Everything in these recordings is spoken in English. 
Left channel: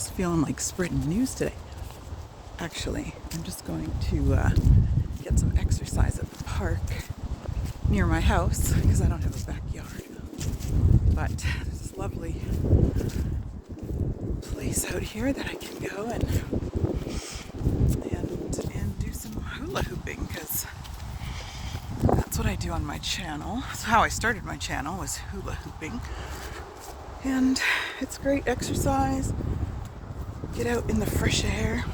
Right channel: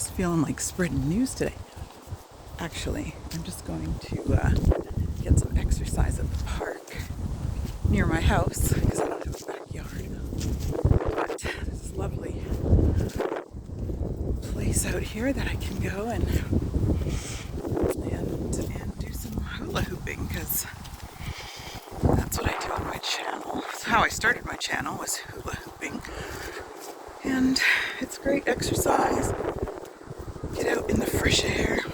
just feeling like spreading news today. Actually, I'm just going to get some exercise at the park near my house because I don't have a backyard. But there's this lovely place out here that I can go and do some hula hooping, because that's what I do on my channel. That's how I started my channel, was hula hooping. And it's great exercise. Get out in the fresh air.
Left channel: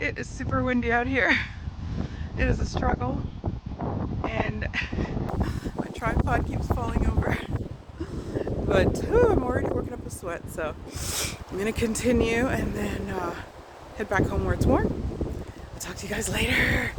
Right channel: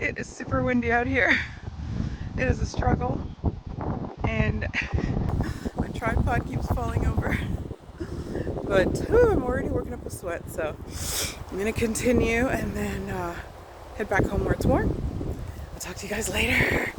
It is super windy out here. It is a struggle, and my tripod keeps falling over. But I'm already working up a sweat, so I'm gonna continue and then head back home where it's warm. I'll talk to you guys later.